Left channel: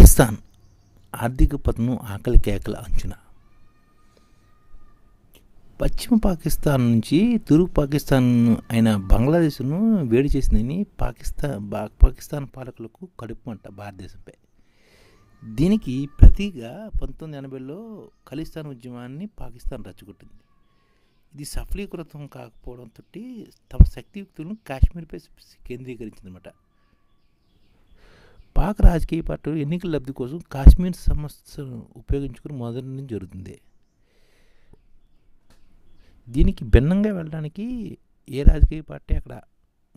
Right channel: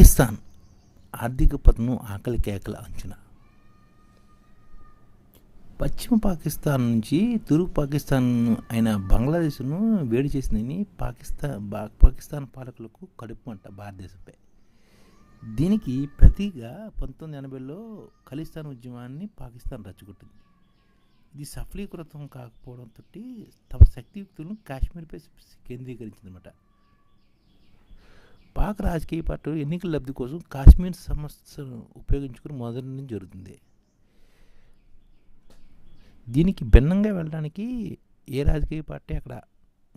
పాకిస్తాన్ ఆర్థిక పతనం ఆకలి కేకల అంచనా. పశ్చిమ పాకిస్తాన్ నుంచి తూర్పు పాకిస్తాన్ అయిన బంగ్లాదేశ్ను వేడి చేసిందని పాకిస్తాన్ పాకిస్తాన్ పాలకులకు కడుపు అంట భారతదేశంపై. దీనికి ప్రతిగా పంతొమ్మిది ఎనభైలో ఖలిస్తాన్ ఉద్యమాన్ని పాకిస్తాన్ రచ్చగొట్టింది. ఇది సఫలీకృతం కాకపోవడంతో తమ శక్తియుక్తులను కాశ్మీర్పై కేంద్రీకరించిందన్నమాట. పాక్ రాజకీయ పార్టీలు ఎన్నికల లబ్ధి కోసం కాశ్మీర్ సమస్యను ఉపయోగించుకుని మొదటి నుంచి జరుగుతుంది. దీనికి భిన్నంగా వెళ్ళడానికి ఏ రాజకీయ పార్టీ అక్కడ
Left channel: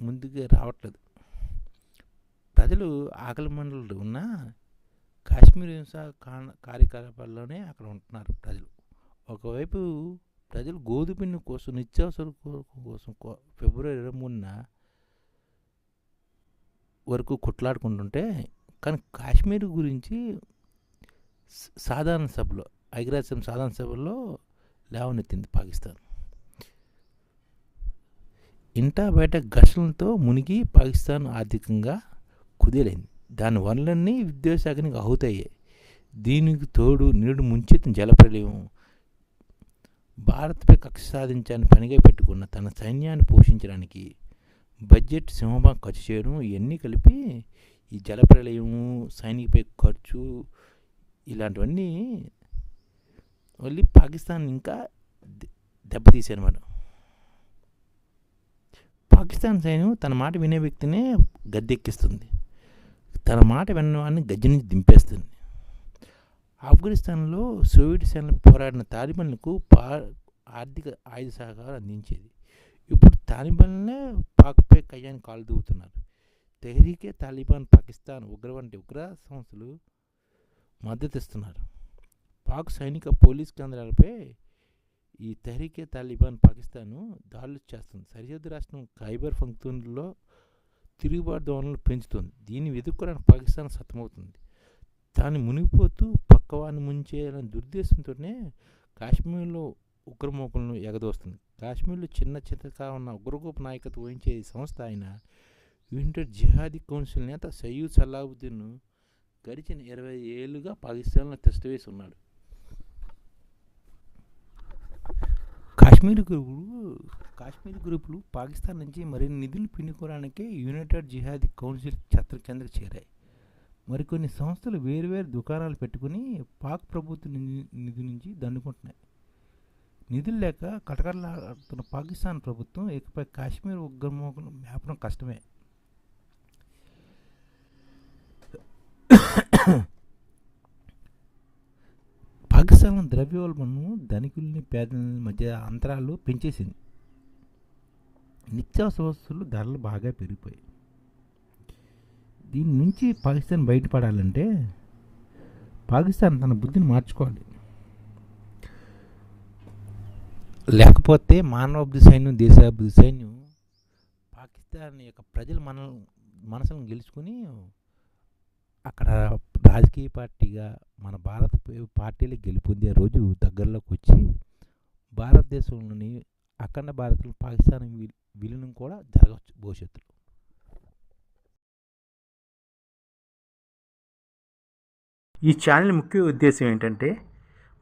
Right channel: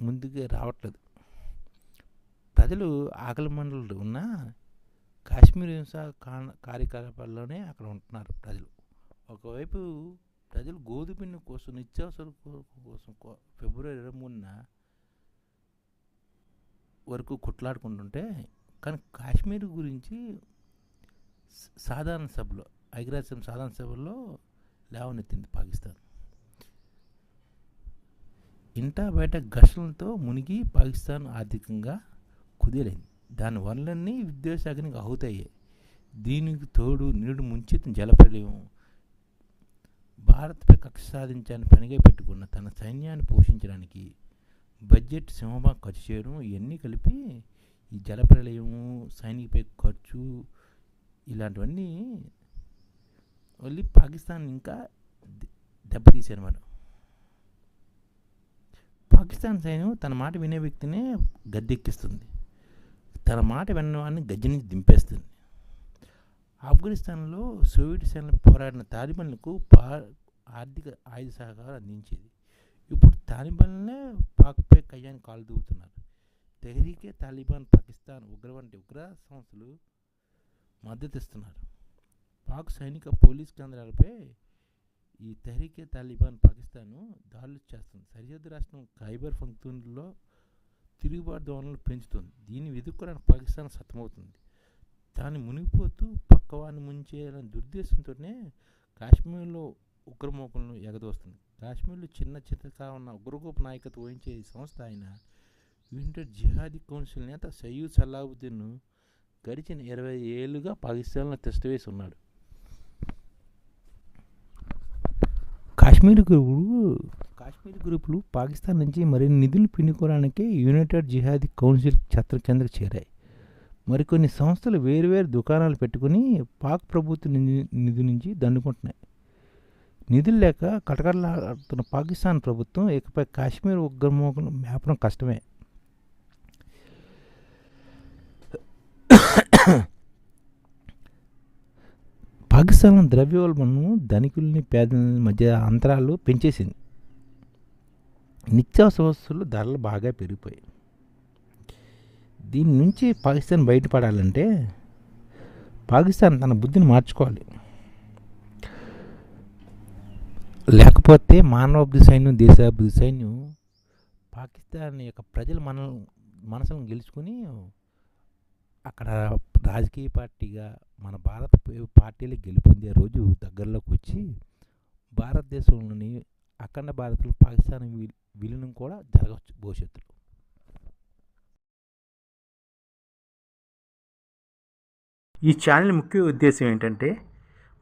ముందుకు రావట్లేదు. ప్రజలు ఆకలి మండలు ఉన్న కాశ్మీర్ హింస కార్యకలాపాల్లోనే అక్కడ ఉంటున్నారు ప్రజలు. ఒకవైపు ప్రజలు గోధుమపిండి కోసం నిత్యావసర కోసం ఫిబ్రవరి ఇరవై మూడున వరకు కొట్లాడుకుంటుంటే కానీ కాశ్మీర్ గురించి సాధారణ సభలో ఐక్యరాజ్యం సాధారణ సభలో లేవనెత్తింది పాకిస్తాన్. ఇంటా బయట ఘర్షణలతో మునిగి పాకిస్తాన్ ఆర్థికంగా కుదేలైంది. దాని వనలన్నీ విద్యాశాఖనికి అవుతాయి దీనికి తోడు నీడు ముంచెత్తిన జలప్రలయం భారత్పై కక్ష సాధించాలని పనిగా పెట్టుకున్న తన సైన్యాన్ని పోషించడానికి బడ్జెట్ సింహభాగం ఖర్చు చేయడం ఇవన్నీ కలిపి ఈ జలప్రలయము సైనికపై ఖర్చు ఇలాంటివన్నీ మళ్ళీ పాకిస్తాన్ ఇంకా దెబ్బతీసారన్నమాట పాకిస్తాన్ సైన్యం తన మాట వినే వ్యక్తినే గద్దెక్కిస్తుంది. తన మాట విన్నవాడిని గజ్జి నుంచి దింపేస్తుంది. ఆఫ్ఘనిస్తాన్లో సోవియట్ సేనలు పోరాడిన తాలిబన్లకు పా ఆర్థిక ఆయుధ సహకారం అందించేది. తాలిబాన్లే పాక్పై కయ్యాన్ని కాలు దూగుతున్నారు తెహరీకే తాలిబాన్ పాకిస్తాన్ ఉగ్ర వంటి ఉగ్ర సంస్థలు మద్దతిస్తున్నారు. పాక్ సైనిక పోలీస్ కేంద్రాలపై ఈ తెహరీకే తాలిబాన్ పాకిస్తాన్ దాడులు చేస్తుంది. సరిహద్దు రాష్ట్రం ఖైబర్ పంక్తూన్లో తిరుగుబాటు ధోరణులు పెంచుతుంది. దీన్ని ఎదుర్కోవడానికి పాకిస్తాన్ సతమవుతుంది. తాను మునిగిపోతూ పక్కవాన్ని ముంచేయాలని దుర్దేశంతోనే కాశ్మీర్లో ఉగ్రమోకలను ఎగదోస్తుంది. కాశ్మీర్లో చిన్న చిన్నగా ఉన్న ఉగ్రగోప నాయకత్వం వహించే సంస్థ ఆయన యునైటెడ్ జిహాదీ కౌన్సిల్ నేత సయ్యూద్ సలాహుద్దీన్ను గడిచిన ఇరవై ఏళ్ళుగా పాకిస్తాన్లో తెస్తవేసి ఉన్నాడు. కాశ్మీర్ గ్రూపులు కాశ్మీర్ గ్రూపులు పాకిస్తాన్ నుంచి మరిన్ని నిధులు పిండుకోవడానికి యునైటెడ్ జిహాదీ కౌన్సిల్ ఛత్ర కిందకు చేరాయి. మరికొన్ని సంస్థలు వేరువేరు దుకాణాలు పెట్టుకుని పాక్ ప్రభుత్వ నిధి నుంచి దండుకుంటున్నాయి. నిధులు లేక కటకడలాడుతున్న పాకిస్తాన్ ప్రభుత్వం ఇకపై కాశ్మీర్ ఉగ్రమోకను మేపడం కష్టమే. పాకిస్తాన్ ద్రవ్యోల్బణం ధనికుల్ని పేదలని మధ్య అంతరాలు పెంచేసింది. నిత్యావసర వస్తువులు ధరలు బాగా పెరిగిపోయాయి. దీని నుంచి పాకిస్తాన్ బయటపడాలంటే పాకిస్తాన్ తన బుద్ధిని మార్చుకోవాలి. లేకపోతే మానవాభివృద్ధి సైన్యం దేశాభివృద్ధి సైన్యం పాకిస్తాన్ యొక్క ప్రజల మన మనసులను గెలుచుకొని అక్కడ రాజకీయ పార్టీగా మన భారత పార్టీలు గెలుపొందే రోజు దగ్గరలోకి వచ్చి భారతదేశంలోని అఖండ భారత్లో పాకిస్తాన్ విలీనం కూడా జరగవచ్చు భవిష్యత్తులో. ఈ ఛానల్ ముఖ్య ఉద్దేశం ఏంటంటే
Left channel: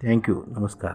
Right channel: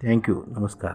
ಥ್ಯಾಂಕ್ ಯು ನಮಸ್ಕಾರ